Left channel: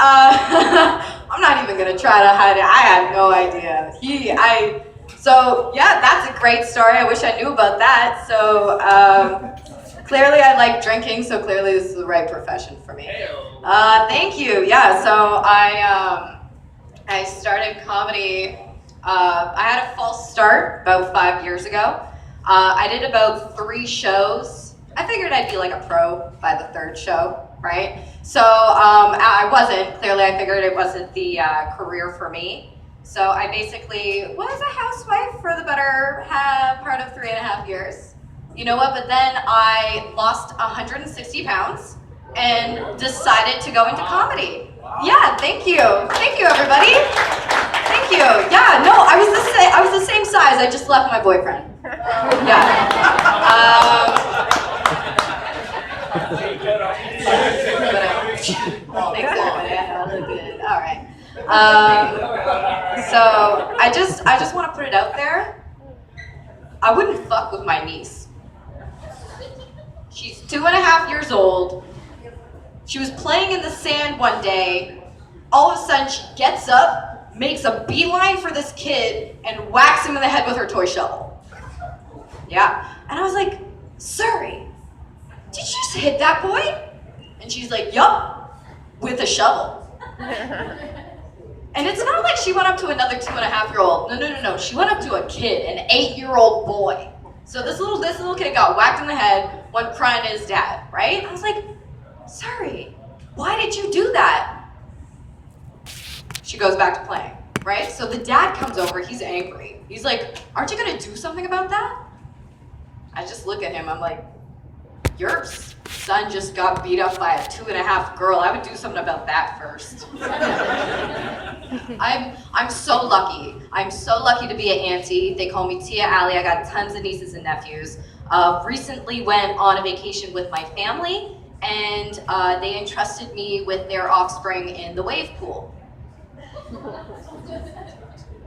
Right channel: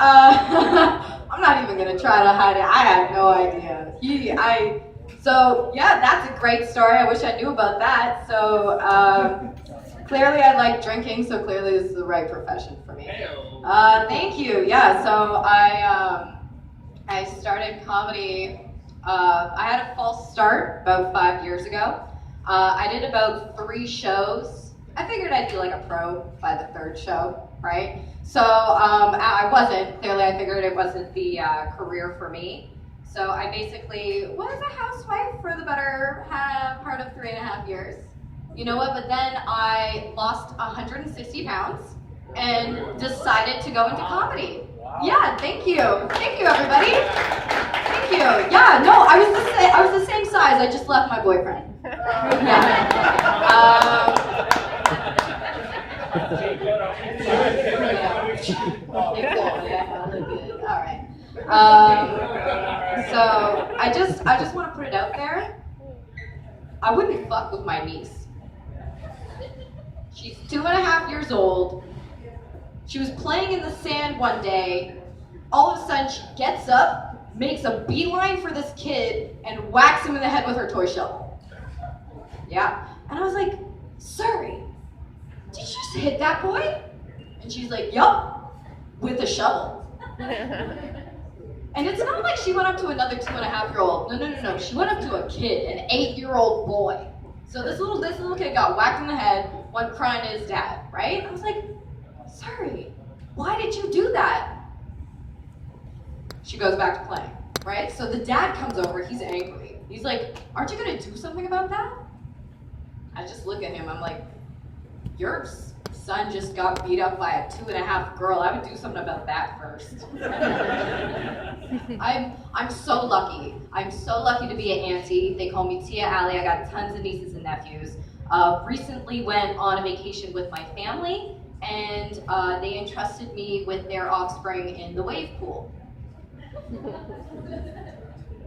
I'm not even gonna try to hide it. I had no idea. So yeah, that's a great story. I wish I knew about that. So clearly I like drinking, so clearly this is the right profession for me. Thank you. Yeah, so I started comedy. I had a false start about 5 years ago. I did about 3 shows. I figured I'd be like a pro by the 3rd show, right? So I wasn't. Clearly, I figured it wasn't the career for me. So I basically was a housewife for the better part of 3.5 years. You know what? But then I lost 160 pounds and decided to go into comedy. Yeah, thank you. Thank you, everybody. Thank you. Yeah, no, I was the same size. I just left my boyfriend. Yeah. Thanks, everybody. I look good. All right. So I just want to put it out there. I wouldn't fuck with my niece. She's 2.5 years old. She was playing in the sand one day. All of a sudden, she gets up, makes a beeline for this kid, and whacks him in the head with her toy shovel. Yeah. And I was like, Suri, did you just hit that boy? And she's like, yup, with a shovel. And it's not like she went up to another 2.5-year-old. No. She went up to a kid, an 8-year-old boy. So this little kid got whacked in the head, went crying to his dad, right? I was like, Sorry, why did you do that? She goes back to playing, right? So the dad comes over, he's angry. He's like, aren't you gonna do something about that? I just look at him, I'm like, your son just got beat up by a 2.5 girl. I would do something about that first. I'm so lucky. I'm so lucky to be an auntie. They call me Tia Allie. I got tons of nieces and nephews. Recently went on a vacation with my family, and they entrusted me with their offspring in the wave pool.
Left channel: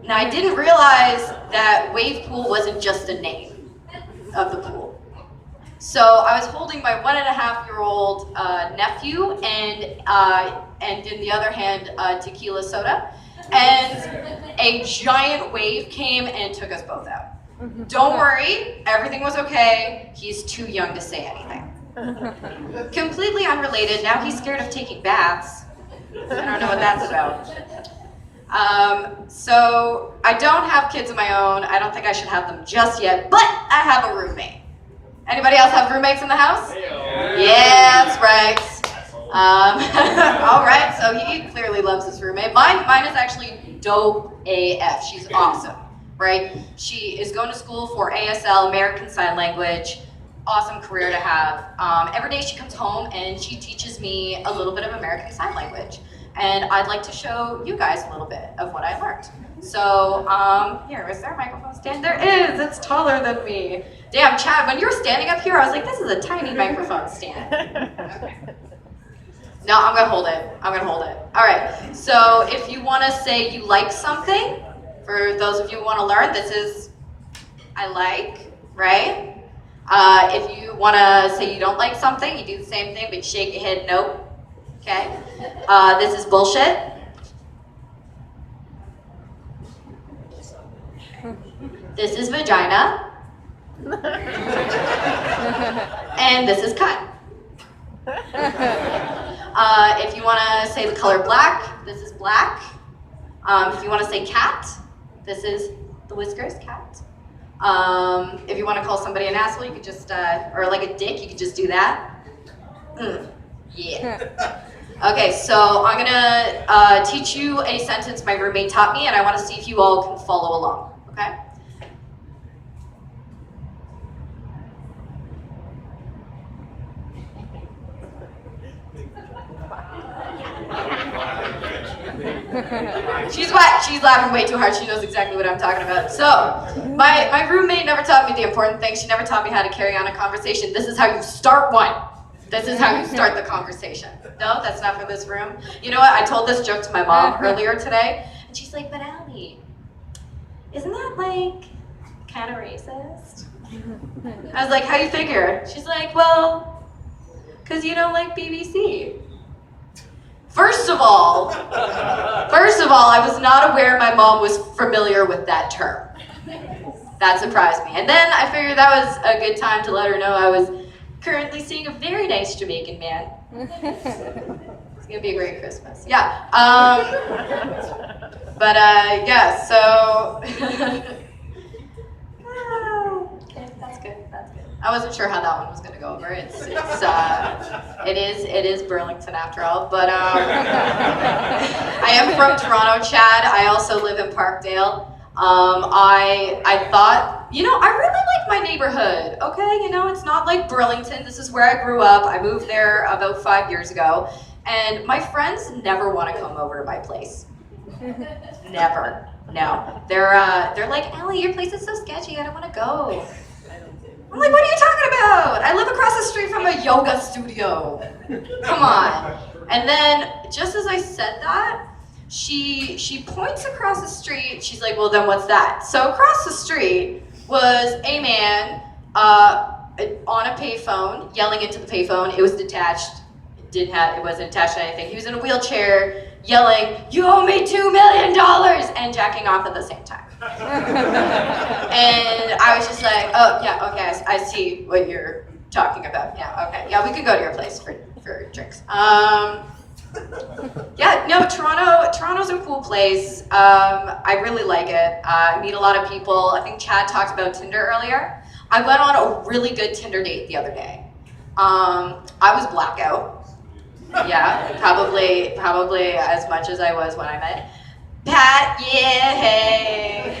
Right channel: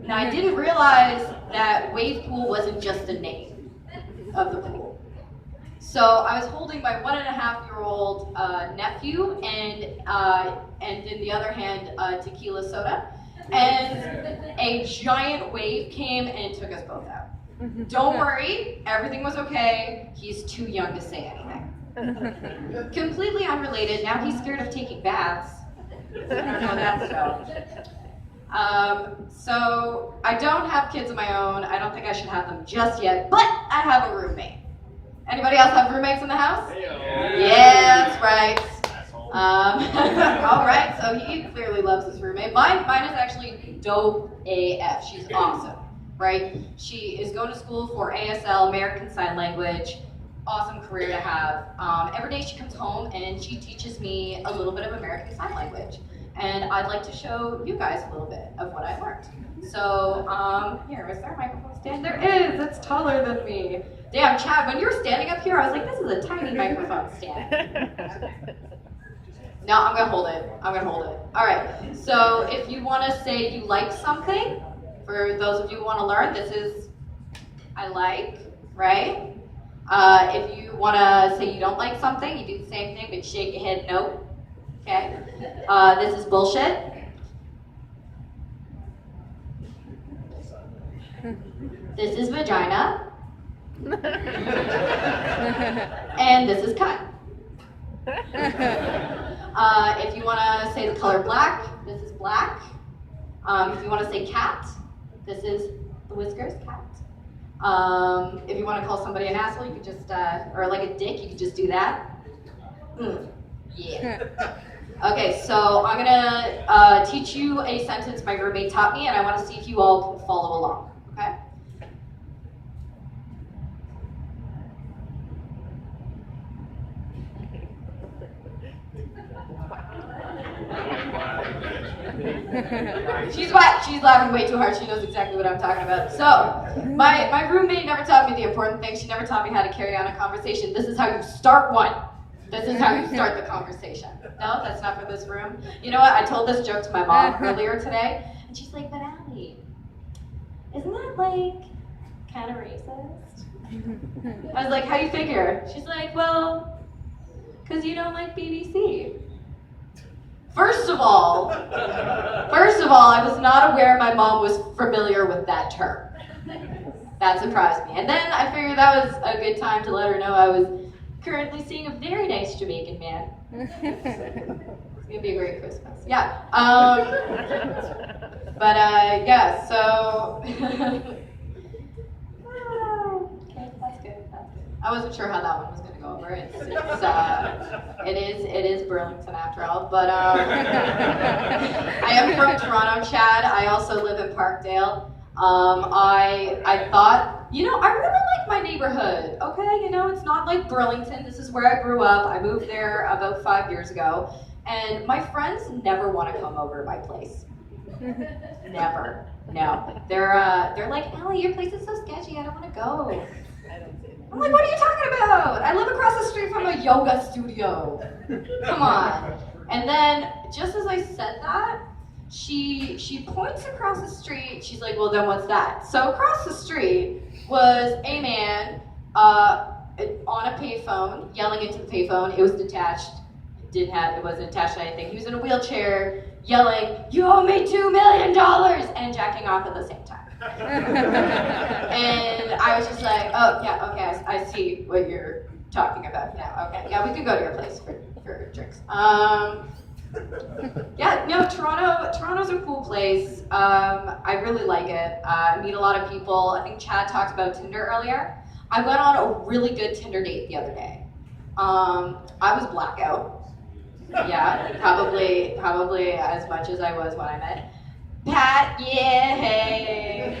Now I didn't realize that wave pool wasn't just a name of the pool. So I was holding my 1.5-year-old nephew and in the other hand, tequila soda. And a giant wave came and took us both out. Don't worry, everything was okay. He's too young to say anything. Completely unrelated, now he's scared of taking baths. I don't know what that's about. So I don't have kids of my own. I don't think I should have them just yet, but I have a roommate. Anybody else have roommates in the house? Yeah, that's right. All right, so he clearly loves his roommate. Mine is actually dope AF. She's awesome, right? She is going to school for ASL, American Sign Language. Awesome career to have. Every day she comes home and she teaches me a little bit of American Sign Language. And I'd like to show you guys a little bit of what I learned. So, here, is there a microphone stand? There is, it's taller than me. Damn, Chad, when you were standing up here, I was like, this is a tiny microphone stand. Okay. No, I'm gonna hold it. All right, so if you wanna say you like something, for those of you who wanna learn, this is, I like, right? If you wanna say you don't like something, you do the same thing, but you shake your head, nope. Okay, this is bullshit. This is vagina. And this is cut. If you want to say the color black, this is black. If you want to say cat, this is the whiskers, cat. If you want to call somebody an asshole, you could just, or like a dick, you could just do that. Yeah. Okay, so I'm gonna teach you a sentence my roommate taught me, and I want to see if you all can follow along, okay? She's laughing way too hard. She knows exactly what I'm talking about. So, my roommate never taught me the important thing. She never taught me how to carry on a conversation. This is how you start one. This is how you start the conversation. No, that's not for this room. You know what? I told this joke to my mom earlier today, and she's like, but Allie, isn't that like kind of racist? I was like, how do you figure? She's like, well, because you don't like BBC. First of all, I was not aware my mom was familiar with that term. That surprised me. And then I figured that was a good time to let her know I was currently seeing a very nice Jamaican man. It's gonna be a great Christmas. Yeah. Yeah, so that's good. I wasn't sure how that one was gonna go over. It is Burlington after all. But I am from Toronto, Chad. I also live in Parkdale. I thought, I really like my neighborhood, okay? It's not like Burlington. This is where I grew up. I moved there about 5 years ago, and my friends never want to come over to my place. Never. No. They're like, Allie, your place is so sketchy. I don't want to go. I'm like, what are you talking about? I live across the street from a yoga studio. Come on. And then, just as I said that, she points across the street. She's like, well, then what's that? So across the street was a man on a payphone, yelling into the payphone. It was detached. It wasn't attached to anything. He was in a wheelchair, yelling, "You owe me $2 million," and jacking off at the same time. And I was just like, oh, yeah, okay, I see what you're talking about. Yeah, okay. Yeah, we could go to your place for drinks. Yeah, no, Toronto's a cool place. I really like it. I meet a lot of people. I think Chad talked about Tinder earlier. I went on a really good Tinder date the other day. I was blackout. Yeah, probably as much as I was when I met Pat. Yeah, hey.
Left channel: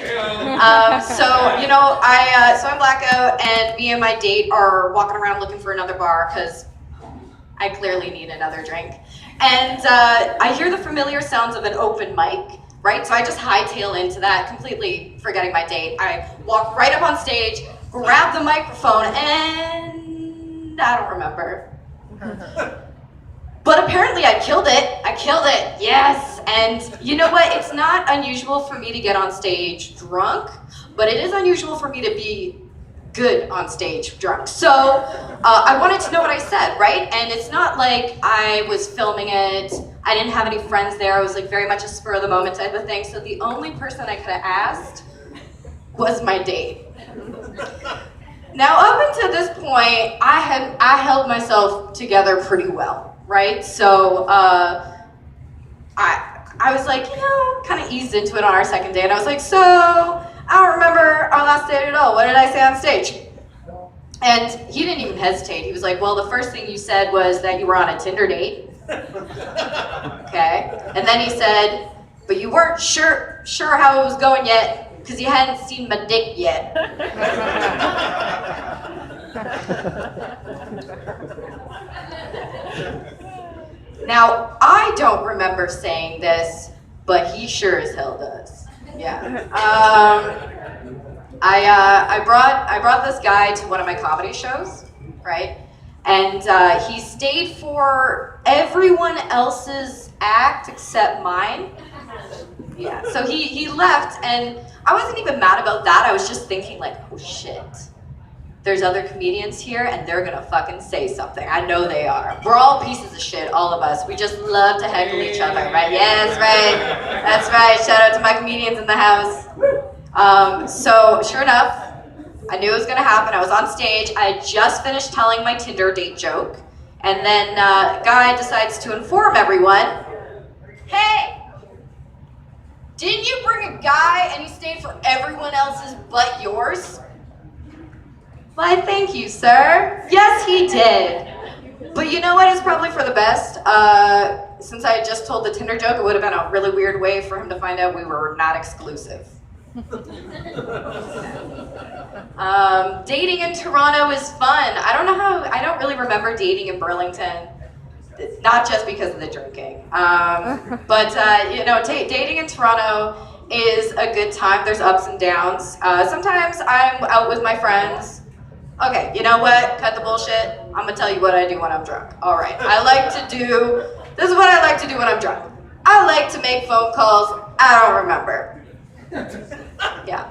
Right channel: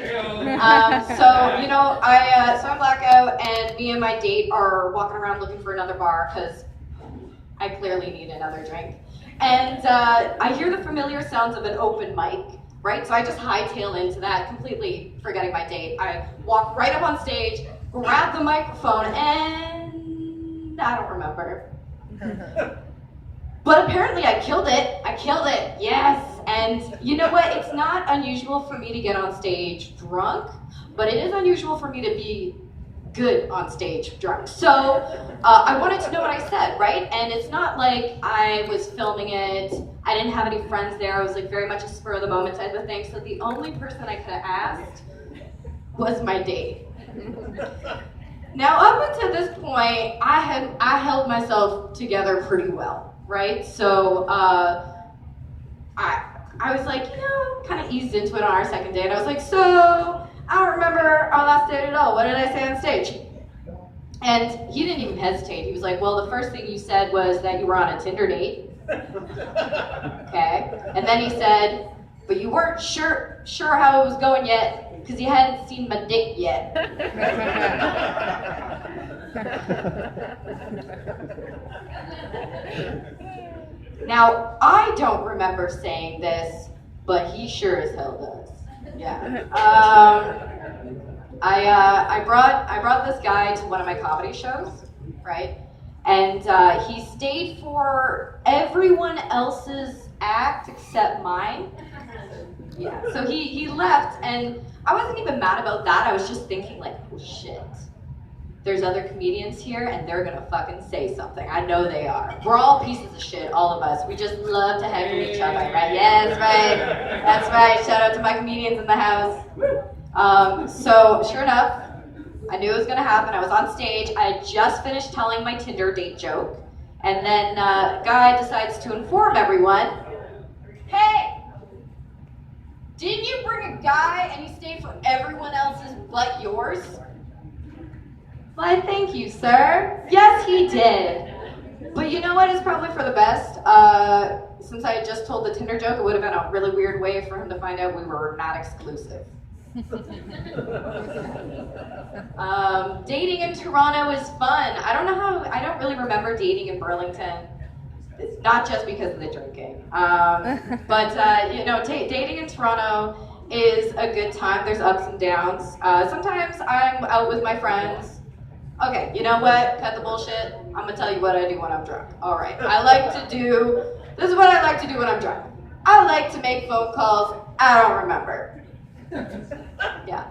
So I'm blackout, and me and my date are walking around looking for another bar because I clearly need another drink. And I hear the familiar sounds of an open mic, right? So I just hightail into that, completely forgetting my date. I walk right up on stage, grab the microphone, and I don't remember. But apparently I killed it, yes. And you know what? It's not unusual for me to get on stage drunk, but it is unusual for me to be good on stage drunk. So I wanted to know what I said, right? And it's not like I was filming it. I didn't have any friends there. I was like very much a spur of the moment type of thing. So the only person I could have asked was my date. Now up until this point, I held myself together pretty well, right? So I was like, kind of eased into it on our second date. I was like, so I don't remember our last date at all. What did I say on stage? And he didn't even hesitate. He was like, well, the first thing you said was that you were on a Tinder date. Okay. And then he said, but you weren't sure how it was going yet because you hadn't seen my dick yet. Now, I don't remember saying this, but he sure as hell does. Yeah. I brought this guy to one of my comedy shows, right? And he stayed for everyone else's act except mine. Yeah. So he left, and I wasn't even mad about that. I was just thinking like, oh shit. There's other comedians here, and they're gonna fucking say something. I know they are. We're all pieces of shit, all of us. We just love to heckle each other, right? Yes, right. That's right. Shout out to my comedians in the house. So sure enough, I knew it was gonna happen. I was on stage. I had just finished telling my Tinder date joke, and then a guy decides to inform everyone, hey, didn't you bring a guy and he stayed for everyone else's but yours? Why, thank you, sir. Yes, he did. But you know what? It's probably for the best. Since I had just told the Tinder joke, it would have been a really weird way for him to find out we were not exclusive. Dating in Toronto is fun. I don't really remember dating in Burlington. Not just because of the drinking. Dating in Toronto is a good time. There's ups and downs. Sometimes I'm out with my friends. Okay, you know what? Cut the bullshit. I'm gonna tell you what I do when I'm drunk. All right, this is what I like to do when I'm drunk. I like to make phone calls I don't remember. Yeah.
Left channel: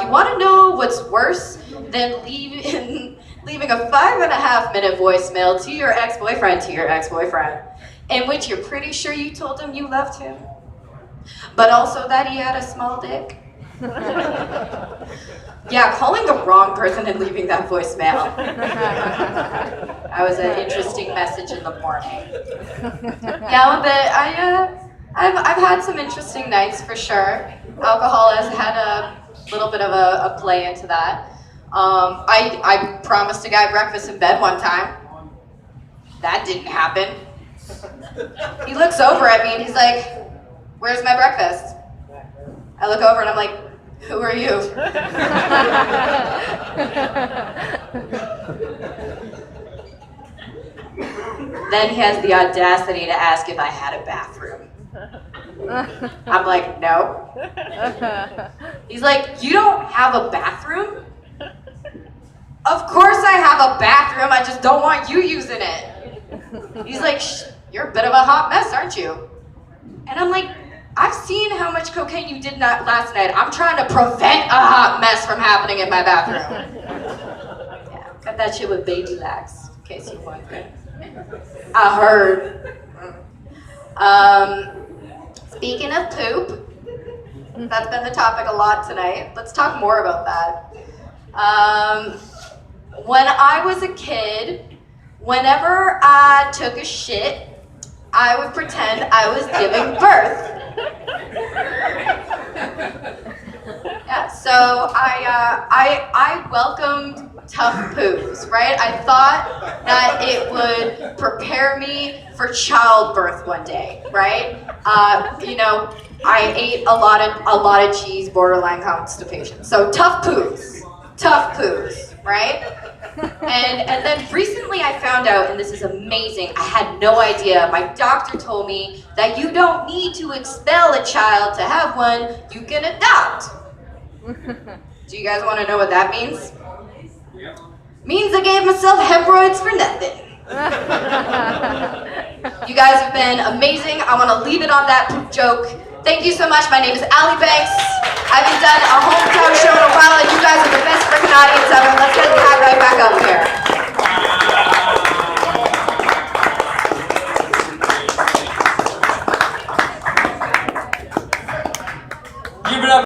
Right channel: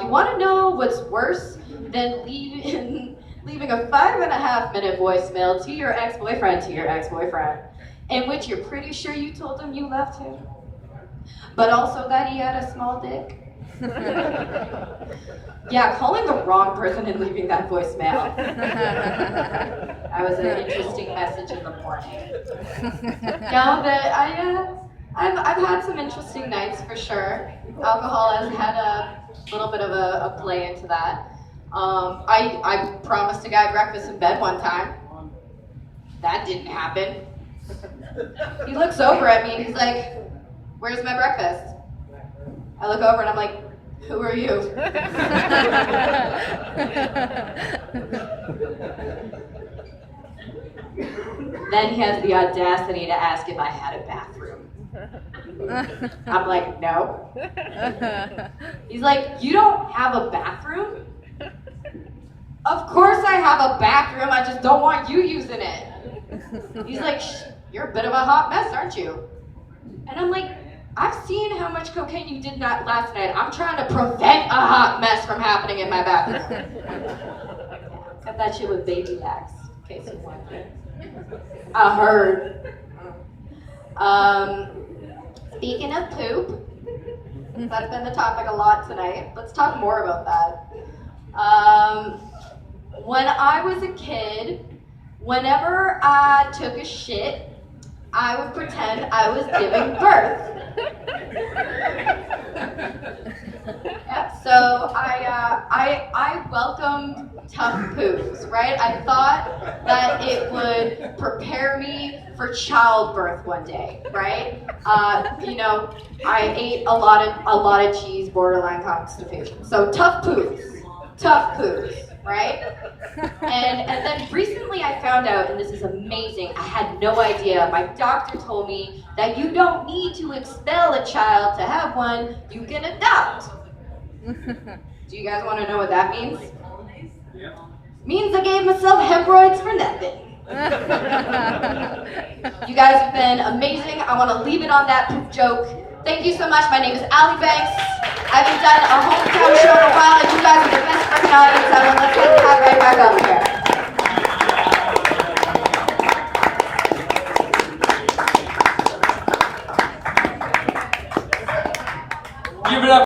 You wanna know what's worse than leaving a 5.5-minute voicemail to your ex-boyfriend, in which you're pretty sure you told him you loved him, but also that he had a small dick? Yeah, calling the wrong person and leaving that voicemail. That was an interesting message in the morning. Yeah, but I've had some interesting nights for sure. Alcohol has had a little bit of a play into that. I promised a guy breakfast in bed one time. That didn't happen. He looks over at me and he's like, "Where's my breakfast?" I look over and I'm like, "Who are you?" Then he has the audacity to ask if I had a bathroom. I'm like, "No." He's like, "You don't have a bathroom?" "Of course I have a bathroom, I just don't want you using it." He's like, "You're a bit of a hot mess, aren't you?" And I'm like, "I've seen how much cocaine you did last night. I'm trying to prevent a hot mess from happening in my bathroom." Yeah, got that shit with baby lax, in case you wondered. I heard. Speaking of poop, that's been the topic a lot tonight. Let's talk more about that. When I was a kid, whenever I took a shit, I would pretend I was giving birth. Yeah, so I welcomed tough poos, right? I thought that it would prepare me for childbirth one day, right? I ate a lot of cheese, borderline constipation. So tough poos, right? And then recently I found out, and this is amazing, I had no idea. My doctor told me that you don't need to expel a child to have one, you can adopt. Do you guys want to know what that means? Yeah. Means I gave myself hemorrhoids for nothing. You guys have been amazing. I want to leave it on that poop joke. Thank you so much. My name is Allie Banks. I haven't done a hometown show in a while, and you guys